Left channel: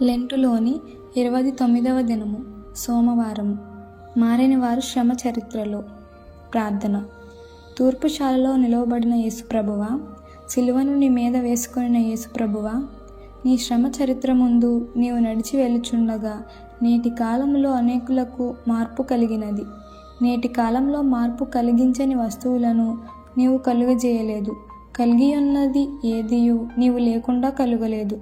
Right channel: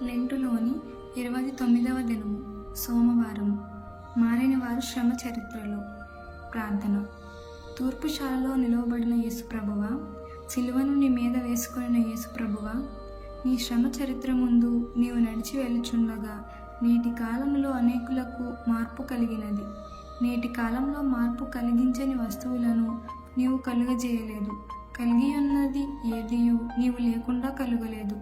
లెంటులోని 29వ దినము సోమవారము. మారని వారు శ్రమ చరిత్రలో ప్రార్థన. తూర్పుశాలలో నిలవబడిన యేసుప్రభువా, సిలువను నీ మీద వేసుకొనిన యేసుప్రభువా, నీ శ్రమ చరిత్ర ముందు నీవు నడిచి వెళ్ళుచుండగా నేటి కాలంలో అనేకులకు మార్పు కలిగినది. నేటి కాలంలో మార్పు కలిగించని వస్తువులను నీవు కలుగజేయలేదు. కలిగియున్నది ఏదియు నీవు లేకుండా కలుగలేదు.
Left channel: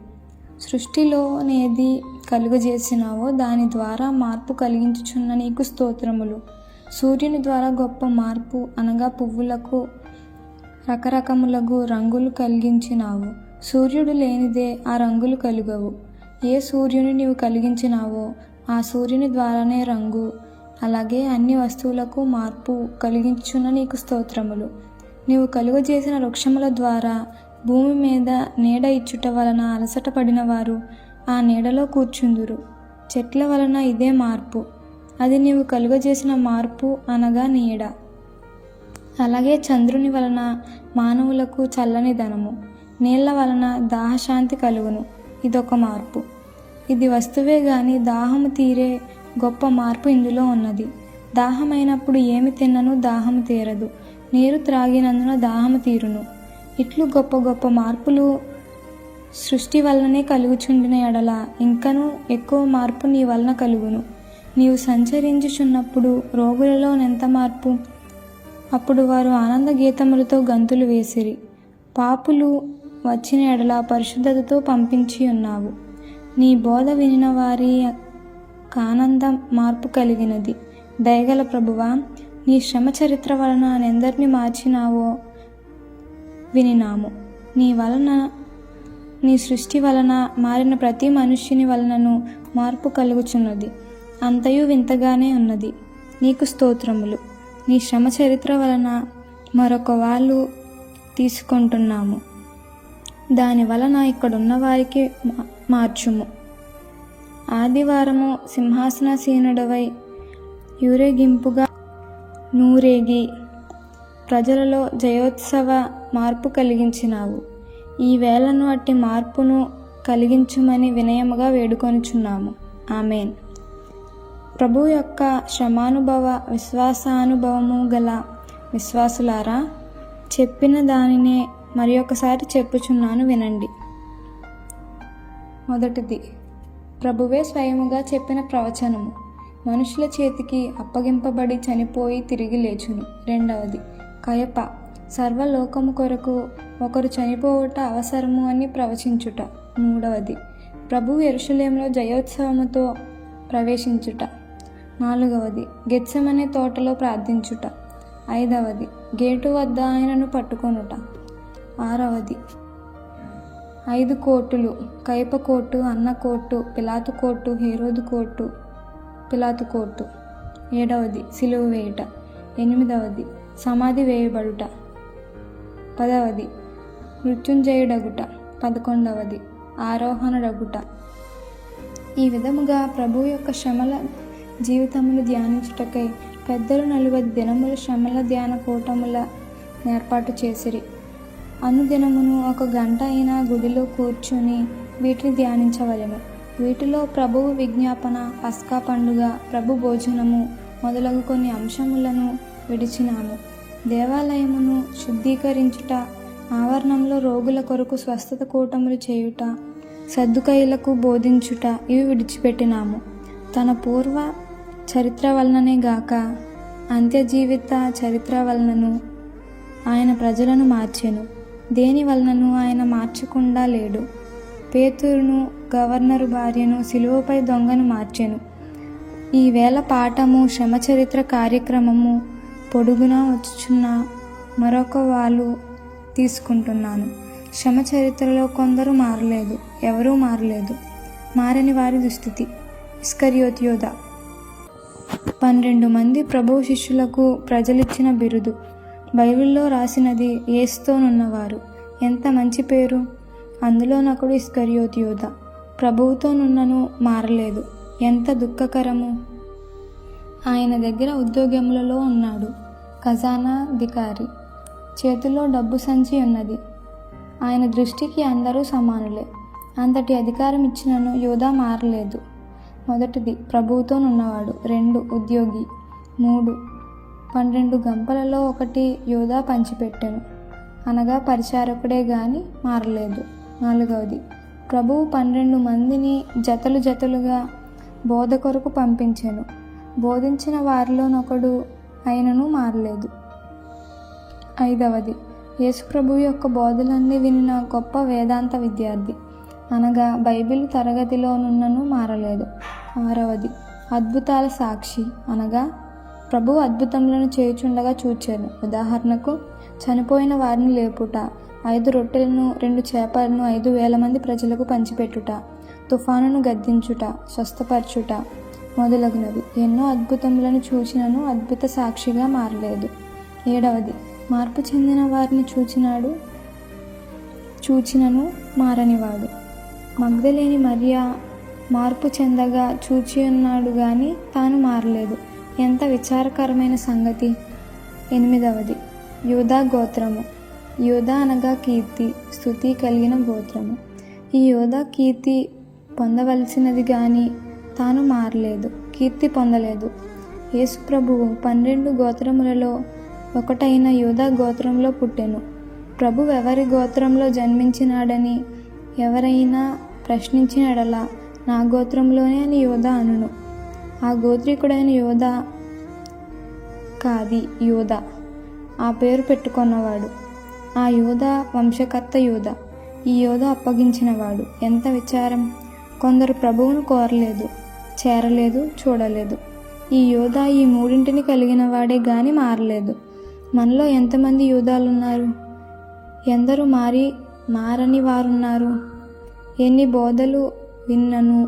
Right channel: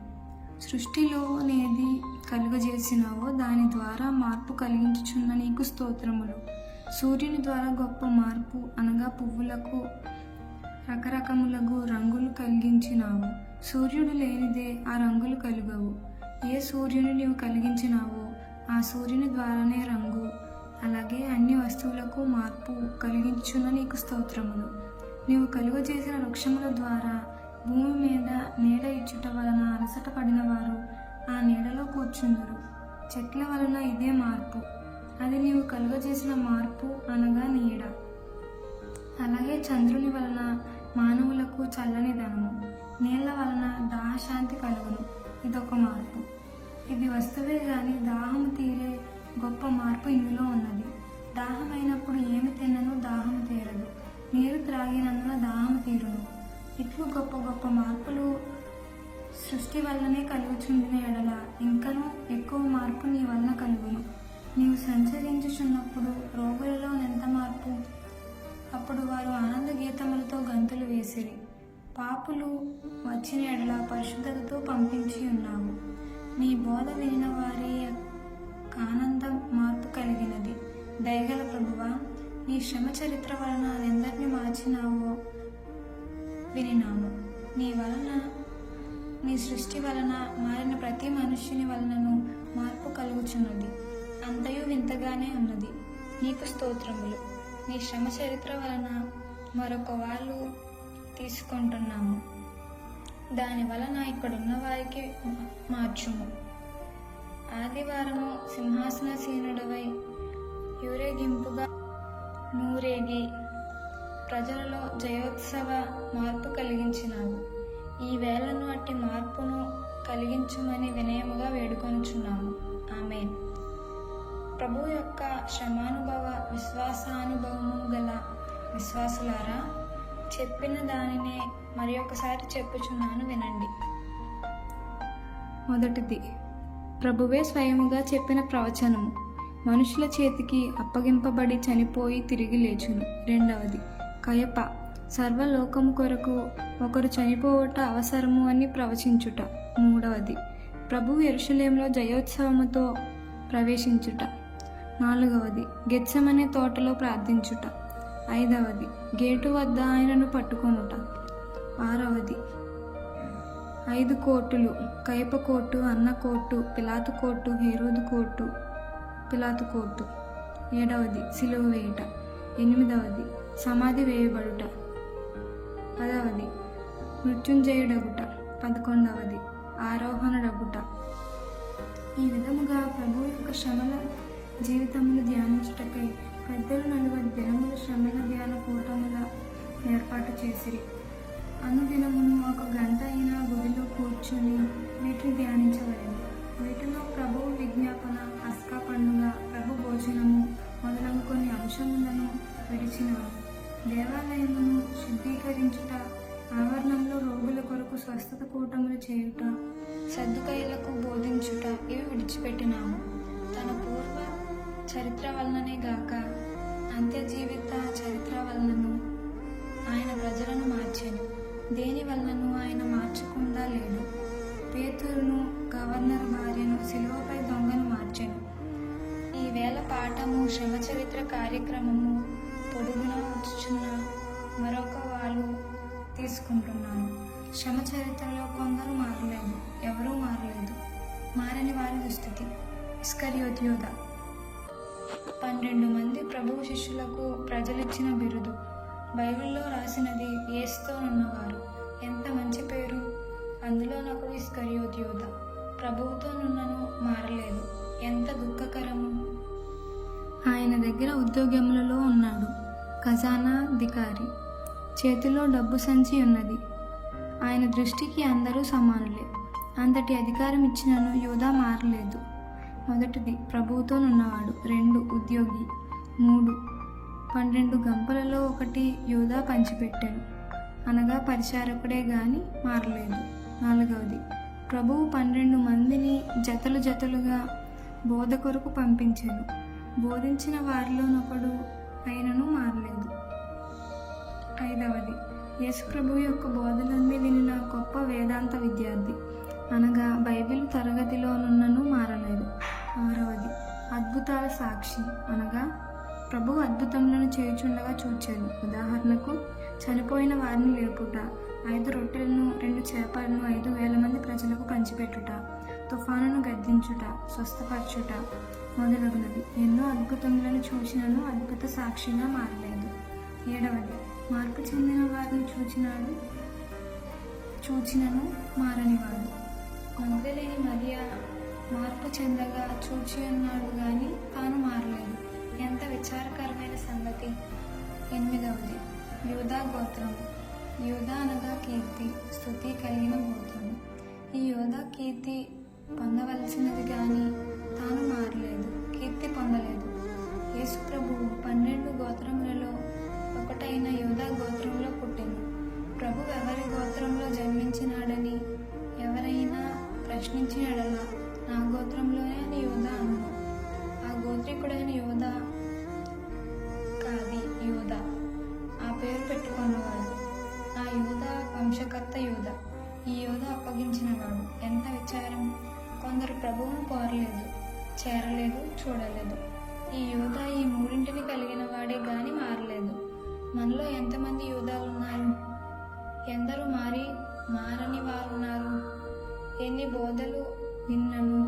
సృష్టిలోనేది కలుగజేసినావో దాని ద్వారా మార్పు కలిగించుచున్న నీకు స్తోత్రములు. సూర్యుని ద్వారా గొప్ప మార్పు అనగా పువ్వులకు రకరకములగు రంగులు కలిగించినావు. సూర్యుడు లేనిదే ఆ రంగులు కలుగవు. ఏ సూర్యుని నీవు కలిగించినావో ఆ సూర్యుని ద్వారానే రంగు, అలాగే అన్ని వస్తువులకు మార్పు కలిగించుచున్న నీకు స్తోత్రములు. నీవు కలుగజేసిన వృక్షముల ద్వారా భూమి మీద నీడ ఇచ్చుట వలన అలసట పడిన వారు ఆ నీడలో కూర్చుందురు. చెట్ల వలన ఇదే మార్పు, అది నీవు కలుగజేసిన మార్పు అనగా నీడ. అలాగే చంద్రుని వలన మానవులకు చల్లని ధనము, నీళ్ల వలన దాహశాంతి కలుగును, ఇదొక మార్పు. ఇది వస్తువే గాని దాహము తీరే గొప్ప మార్పు ఇందులో ఉన్నది. దాహమైనప్పుడు ఏమి తిన్నను దాహము తీరదు, నీరు త్రాగినందున దాహము తీరును. ఇట్లు గొప్ప గొప్ప మార్పులు సృష్టి వలననే కలుగుచుండిన ఎడల ఇంకనూ ఎక్కువ మార్పు నీ వలన కలుగును. నీవు సంచరించుచున్నప్పుడు రోగులలో నెంత మార్పు! అప్పుడు వారు ఆనంద గీతములతో గంతులు వేసిరి. పాపులు వచ్చిన ఎడల పరిశుద్ధతతో పంపించి ఉన్నావు. నీ బోధ వినిన వారి ఆనందం మార్పు కలిగినది. దయగల ప్రభువా, నీ శ్రమ చరిత్ర వలన ఎందరిని మార్చినావో వినినాము. నీ వలన, నీ సృష్టి వలన మారిన ప్రతి మనుష్యుని వలనను మార్పు కలుగుచున్నది. అంతయు వింతగానే ఉన్నది. నీకు స్తోత్రములు. నీ శ్రమ చరిత్ర వలన మరొక వాళ్ళు తీసుకుంటున్నాము. దాని వలన ఇక్కడున్న వారికి మార్చుము. ఆదివారము సింహాసనాసీనుడవై యూరేగింపుగా నూరేగి ప్రజలలో జయోత్సవ మార్పు కలిగించినావు. ఈ వేళను అట్టి మార్పును కలిగించుమని వినయముగా వేడుకొనుచున్నాము. ఆమేన్. ప్రభు యొక్క శ్రమానుభవ విశ్వాసానుభవము గల విశ్వాసులారా, చెప్పిన దానినే మరి ఒకసారి చెప్పుచున్నాను, వినండి. మొదటిది, ప్రభువే స్వయముగా చెప్పిన ప్రవచనము మనుషుల చేతికి అప్పగింపబడి చనిపోయి తిరిగి లేచును. రెండవది, కయప సర్వలోకము కొరకు ఒకరు చనిపోవుట అవసరము అని ప్రవచించుట. మూడవది, ప్రభువు యెరూషలేములో జయోత్సవముతో ప్రవేశించుట. నాలుగవది, గెత్సెమనే తోటలో ప్రార్థించుట. ఐదవది, గేటు వద్ద ఆయనను పట్టుకొనుట. ఆరవది, 5 కోటులు, కయప కోటు, అన్న కోటు, పిలాతు కోటు, హేరోదు కోటు, పిలాతు కోటు. 7వది, సిలువ వేయుట. 8వది, సమాధి వేయబడుట. 10వది, మృత్యుంజయుడగుట. 11వది, ఆరోహణుడగుట. ఈ విధముగా ప్రభు యొక్క శ్రమల జీవితములు ధ్యానించుటకై పెద్దలు 40 దినములు శ్రమల ధ్యాన కూటముల ఏర్పాటు చేసిరి. అనుదినమును 1 గంట అయినా గుడిలో కూర్చుని వీటిని ధ్యానించవలెను. వీటిలో ప్రభువు విజ్ఞాపన, పస్కా పండుగ, ప్రభు భోజనము మొదలగు కొన్ని అంశములను విడిచినాను. దేవాలయమును శుద్ధీకరించుట, ఆవరణంలో రోగుల కొరకు స్వస్థత కూటములు చేయుట, సద్దుకైలకు బోధించుట ఇవి విడిచిపెట్టినాము. తన పూర్వ చరిత్ర వలననే గాక అంత్యజీవిత చరిత్ర వలనను ఆయన ప్రజలను మార్చెను. దేని వలనను ఆయన మార్చకుండా లేడు. పేతురును, గవర్నరు భార్యను, సిలువపై దొంగను మార్చెను. ఈ వేళ పాఠము శ్రమ చరిత్ర కార్యక్రమము పొడుగునా వచ్చుచున్న మరొక వాళ్ళు తీసుకుంటున్నాను. శ్రమ చరిత్రలో కొందరు మారలేదు, ఎవరూ మారలేదు. మారని వారి దుస్థితి. ఇస్కరియోతు యోధ. 12 మంది ప్రభువు శిష్యులకు ప్రజలిచ్చిన బిరుదు. బైబిల్లో రాసినది యేసుతోనున్నవారు. ఎంత మంచి పేరు! అందులోనొకడు ఇస్కరియోతు యోధ. ప్రభువుతోనున్నను మారలేదు. ఎంత దుఃఖకరము! ఆయన దగ్గర ఉద్యోగములలో ఉన్నాడు. ఖజానాధికారి చేతిలో డబ్బు సంచి ఉన్నది. ఆయన దృష్టికి అందరూ సమానులే. అంతటి అధికారం ఇచ్చినను యోధా మారలేదు. 1 ప్రభువుతోనున్నవాడు. 2 ఉద్యోగి. 3 12 గంపలలో 1 యోధా పంచిపెట్టెను, అనగా పరిచారకుడే గాని మారలేదు. 4 ప్రభువు 12 మందిని జతలు జతలుగా బోధ కొరకు పంపించెను. బోధించిన వారిలోనొకడు అయినను మారలేదు. 5 యేసు ప్రభువు యొక్క బోధలన్నీ వినిన గొప్ప వేదాంత విద్యార్థి, అనగా బైబిల్ తరగతిలోనున్నను మారలేదు. 6 అద్భుతాల సాక్షి, అనగా ప్రభువు అద్భుతములను చేయుచుండగా చూచాను. ఉదాహరణకు చనిపోయిన వారిని లేపుట, 5 రొట్టెలను 2 చేపలను 5,000 మంది ప్రజలకు పంచిపెట్టుట, తుఫానును గద్దించుట, స్వస్థపరచుట మొదలగునవి. ఎన్నో అద్భుతములను చూచినను అద్భుత సాక్షిగా మారలేదు. 7 మార్పు చెందిన వారిని చూచినను మారనివాడు. మగ్దలేని మరియా మార్పు చెందగా చూచి ఉన్నాడు గాని తాను మారలేదు. ఎంత విచారకరమైన సంగతి. 8 యూదా గోత్రము. యూదా అనగా కీర్తి, స్తుతి కలిగిన గోత్రము. ఈ యూదా కీర్తి పొందవలసినది గాని తాను మారలేదు, కీర్తి పొందలేదు. యేసు ప్రభువు 12 గోత్రములలో ఒకటైన యూదా గోత్రంలో పుట్టెను. ప్రభు ఎవరి గోత్రంలో జన్మించినాడని ఎవరైనా ప్రశ్నించిన ఎడల నా గోత్రంలోనే అని యూదా అనును. ఆ గోత్రికుడైన యూదా కాది యూదా ఆ పేరు పెట్టుకున్నవాడు. ఆ యూదా వంశకర్త యూదా. ఈ యూదా అప్పగించినవాడు. ఎంత విచారం! కొందరు ప్రభువును కోరలేదు, చేరలేదు, చూడలేదు. ఈ యూదా ఈ మూడింటిని కలిగిన వాడే గాని మారలేదు. మనలో ఎంతమంది యూదాలున్నారు? ఎందరూ మారని వారున్నారు? ఎన్ని బోధలు విన్నను,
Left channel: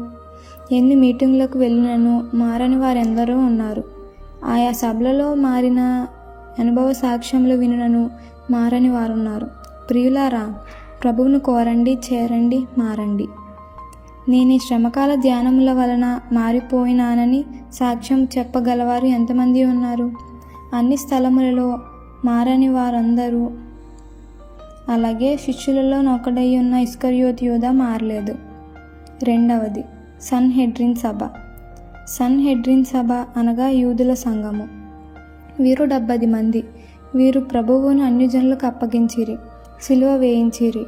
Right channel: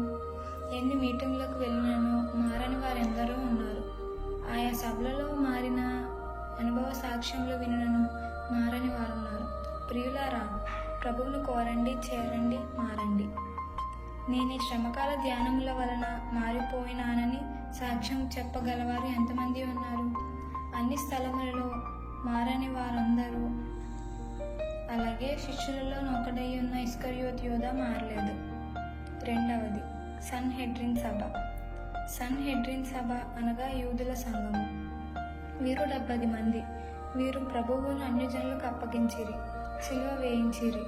ఎన్ని మీటింగ్లకు వెళ్ళినను మారని వారెందరో ఉన్నారు. ఆయా సభలలో మారిన అనుభవ సాక్ష్యములు వినను మారని వారున్నారు. ప్రియులారా, ప్రభువును కోరండి, చేరండి, మారండి. నేను ఈ శ్రమకాల ధ్యానముల వలన మారిపోయినానని సాక్ష్యం చెప్పగలవారు ఎంతమంది ఉన్నారు? అన్ని స్థలములలో మారని వారందరూ. అలాగే శిష్యులలో ఒకడై ఉన్న ఇస్కరియోతు యూదా మారలేదు. 2 సన్హెడ్రిన్ సభ. సన్హెడ్రిన్ సభ అనగా యూదుల సంఘము. వీరు 70 మంది. వీరు ప్రభువును అన్యజనులకు అప్పగించిరి, సిలువ వేయించిరి.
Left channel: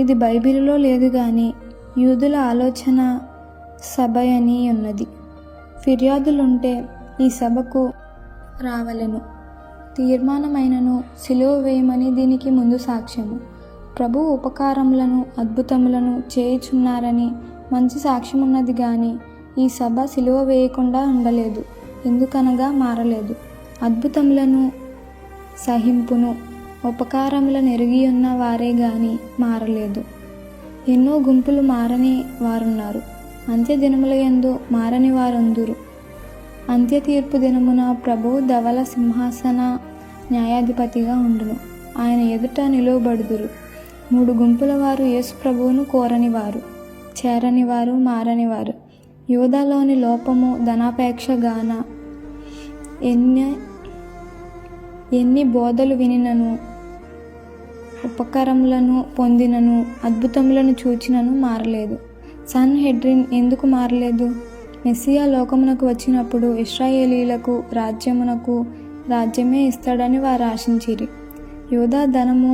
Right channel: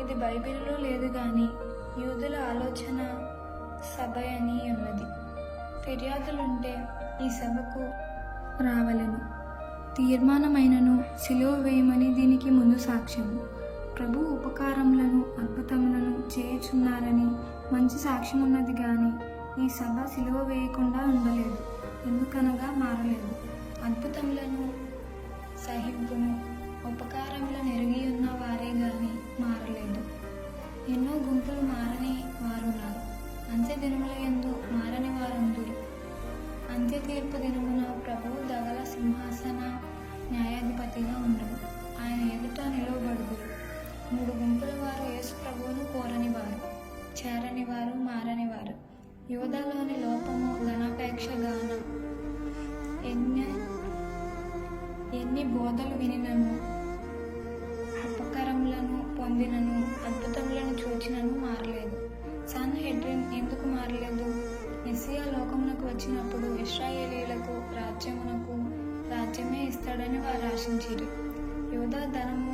ఇది బైబిలులో లేదు గాని యూదుల ఆలోచన సభ అని ఉన్నది. ఫిర్యాదులుంటే ఈ సభకు రావలెను. తీర్మానమైనను సిలువ వేయమని దీనికి ముందు సాక్ష్యము. ప్రభు ఉపకారములను అద్భుతములను చేయుచున్నారని మంచి సాక్ష్యమున్నది గాని ఈ సభ సిలువ వేయకుండా ఉండలేదు. ఎందుకనగా మారలేదు. అద్భుతములను సహింపును ఉపకారములను ఎరిగి ఉన్న వారే గాని మారలేదు. ఎన్నో గుంపులు మారని వారున్నారు. అంత్య దినముల యందు మారని వారందురు. అంత్య తీర్పు దినమున ప్రభువు ధవల సింహాసన న్యాయాధిపతిగా ఉండును. ఆయన ఎదుట నిలువబడుదురు. 3 గుంపుల వారు యేసు ప్రభువును కోరనివారు, చేరనివారు, మారనివారు. యూదాలోని లోపము ధనాపేక్ష గాన ఎన్ని బోధలు వినినను, ఉపకారములను పొందినను, అద్భుతములను చూచినను మారలేదు. సన్హెడ్రిన్ ఎందుకు మారలేదు? మెస్సియా లోకమునకు వచ్చినప్పుడు ఇశ్రాయేలీలకు రాజ్యమే ఇస్తాడని వారు ఆశించిరి. యూదా ధనము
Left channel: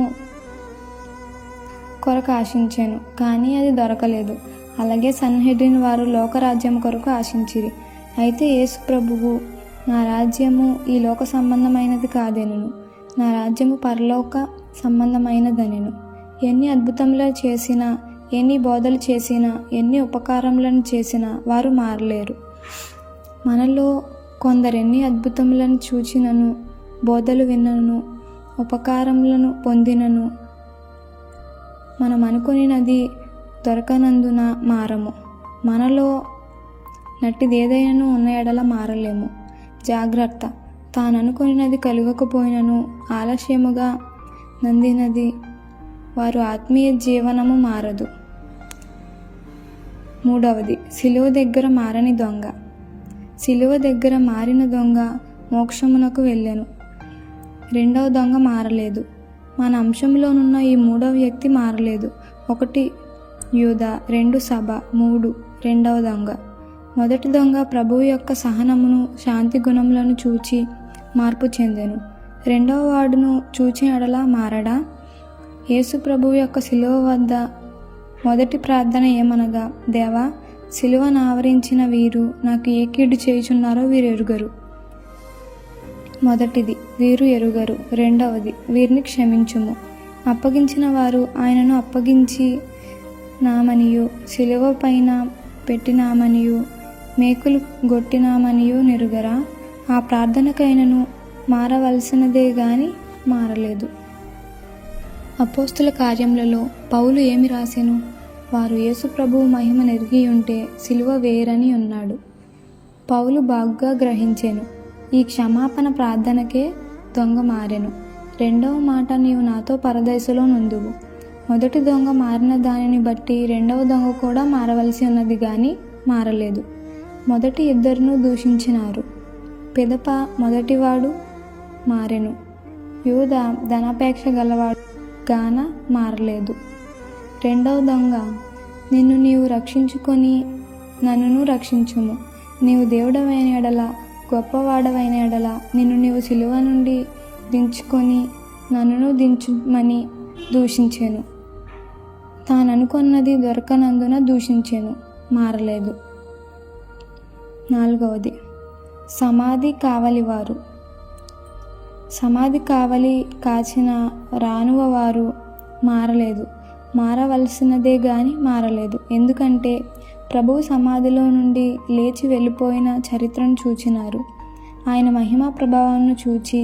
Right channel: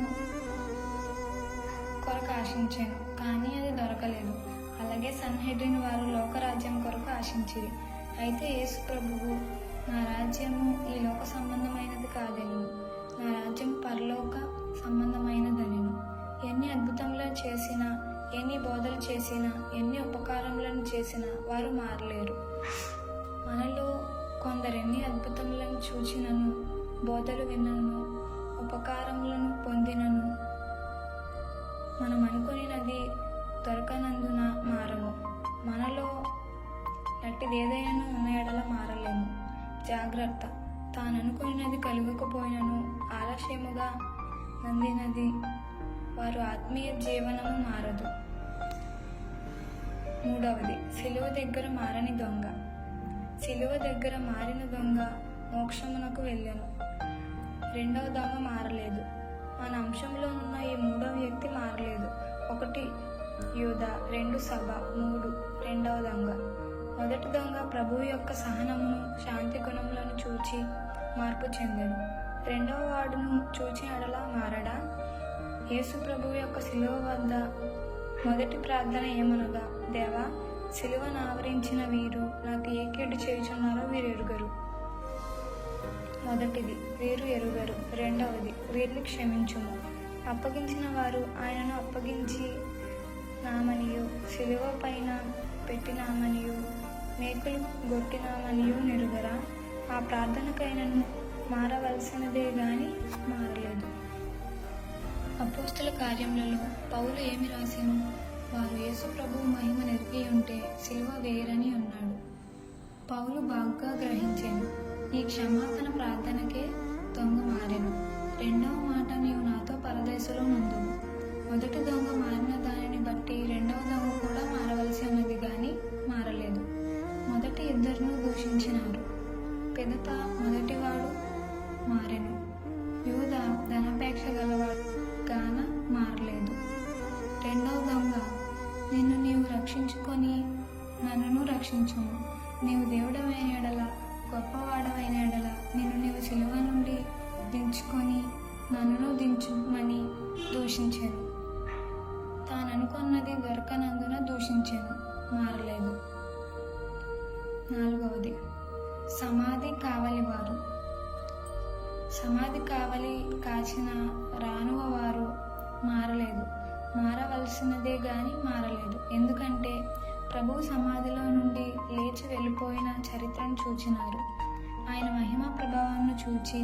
కొరకు ఆశించాను, కానీ అది దొరకలేదు. అలాగే సన్హెడ్రిన్ వారు లోకరాజ్యం కొరకు ఆశించిరి. అయితే యేసు ప్రభువు, నా రాజ్యము ఈ లోక సంబంధమైనది కాదెనును, నా రాజ్యము పరలోక సంబంధమైనదనెను. ఎన్ని అద్భుతములు చేసినా, ఎన్ని బోధలు చేసినా, ఎన్ని ఉపకారములను చేసినా వారు మారలేరు. మనలో కొందరెన్ని అద్భుతములను చూచినను, బోధలు విన్నను, ఉపకారములను పొందినను మనం అనుకునినది దొరకనందున మారము. మనలో నట్టిదేదైనా ఉన్న ఎడల మారలేము. జాగ్రత్త! తాననుకున్నది కలుగకపోయినను ఆలస్యముగా నందినది వారు ఆత్మీయ జీవనము మారదు. 3 సిలువ దగ్గర మారని దొంగ. సిలువ దగ్గర మారిన దొంగ మోక్షమునకు వెళ్ళెను. 2వ దొంగ మారలేదు. మన అంశంలోనున్న ఈ 3వ వ్యక్తి మారలేదు. 1 యూదా 2 సభ 3 రెండవ దొంగ. మొదటి దొంగ ప్రభువు యొక్క సహనమును శాంతి గుణములను చూచి మార్పు చెందెను. రెండవ వాడును చూచి ఎడల మారడా? యేసు ప్రభువు యొక్క శిలువ వద్ద మొదటి ప్రార్థన ఏమనగా, దేవా, శిలువను ఆవరించిన వీరు నాకు ఏ కీడు చేయుచున్నారో వీరు ఎరుగరు. మొదటిది, వీరు ఎరుగరు. రెండవది, వీరిని క్షమించుము. అప్పగించిన వారు ఆయనను అప్పగించి నామనియు శిలువ పైన పెట్టినామనియు మేకులు గొట్టినామనియు నెరుగరా? ఆ ప్రార్థనకైనను మారవలసినదే గాని మారలేదు. అపోస్తుల కార్యములలో పౌలు ఏమి రాసెను? వారు యేసు ప్రభువు మహిమ నెరిగి ఉంటే శిలువ వేయరని ఉన్నాడు. పౌలు బాగుగా గ్రహించెను. ఈ క్షమాపణ ప్రార్థనకే దొంగ మారెను. రెండవ మాట, నీవు నాతో పరదేశంలో నుందువు. మొదటి దొంగ మారిన దానిని బట్టి రెండవ దొంగ కూడా మారవలసి ఉన్నది గాని మారలేదు. మొదటి ఇద్దరును దూషించినారు. పిదప మొదటివాడు మారెను. యూదా ధనాపేక్ష గలవాడు గాన మారలేదు. రెండవ దొంగ, నిన్ను నీవు రక్షించుకొని నన్నును రక్షించుము. నీవు దేవుడవైన ఎడల, గొప్పవాడవైన ఎడల నిన్ను నీవు సిలువ నుండి దించుకొని నన్నును దించుమని దూషించెను. తాననుకొన్నది దొరకనందున దూషించెను, మారలేదు. నాలుగవది, సమాధి కావలివారు. సమాధి కావలి కాచిన రానువ వారు మారలేదు. మారవలసినదే గాని మారలేదు. ఎందుకంటే ప్రభువు సమాధిలో నుండి లేచి వెళ్ళిపోయిన చరిత్రను చూచినారు. ఆయన మహిమా ప్రభావాన్ని చూచి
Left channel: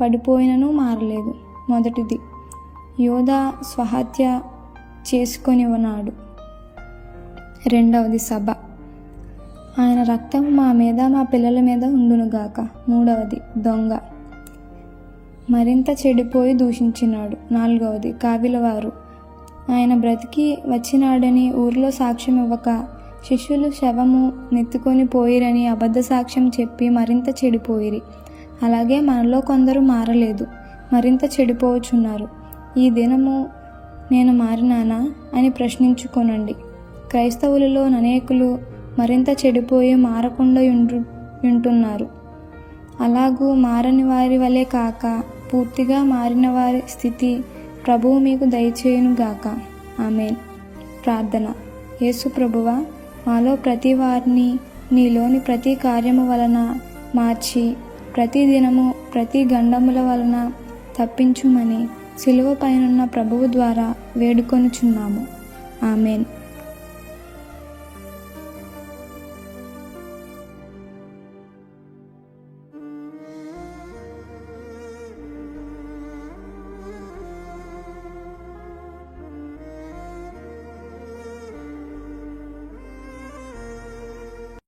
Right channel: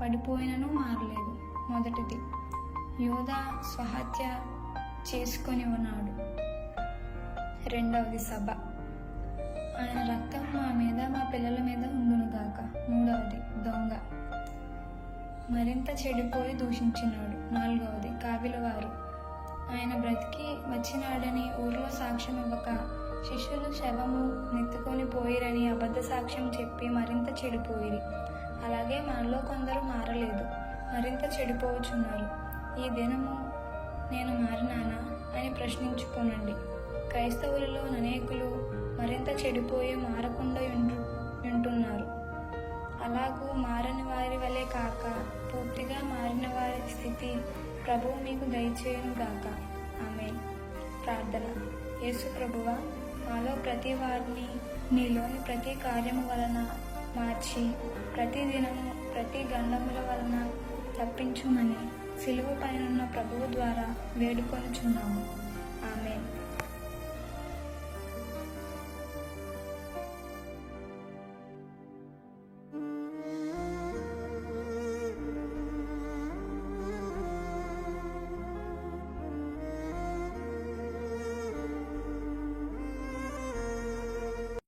పడిపోయినను మారలేదు. మొదటిది, యోధా స్వహత్య చేసుకొని ఉన్నాడు. రెండవది, సభ. ఆయన రక్తం మా మీద మా పిల్లల మీద ఉండునుగాక. మూడవది, దొంగ మరింత చెడిపోయి దూషించినాడు. నాలుగవది, కావిలవారు. ఆయన బ్రతికి వచ్చినాడని ఊరిలో సాక్ష్యం ఇవ్వక శిష్యులు శవము నెత్తుకొని పోయిరని అబద్ధ సాక్ష్యం చెప్పి మరింత చెడిపోయిరి. అలాగే మనలో కొందరు మారలేదు, మరింత చెడిపోవచ్చున్నారు. ఈ దినము నేను మారినానా అని ప్రశ్నించుకొనండి. క్రైస్తవులలో అనేకులు మరింత చెడిపోయి మారకుండా ఉంటున్నారు. అలాగూ మారని వారి వలె కాక పూర్తిగా మారిన వారి స్థితి ప్రభువు మీకు దయచేయునుగాక. ఆమేన్. ప్రార్థన. యేసు ప్రభువా, మాలో ప్రతి వారిని నీలోని ప్రతి కార్యము వలన మార్చి ప్రతి దినము ప్రతి గండముల వలన తప్పించుమని శిలువ పైనున్న ప్రభువు ద్వారా వేడుకొనుచున్నాము. ఆమేన్.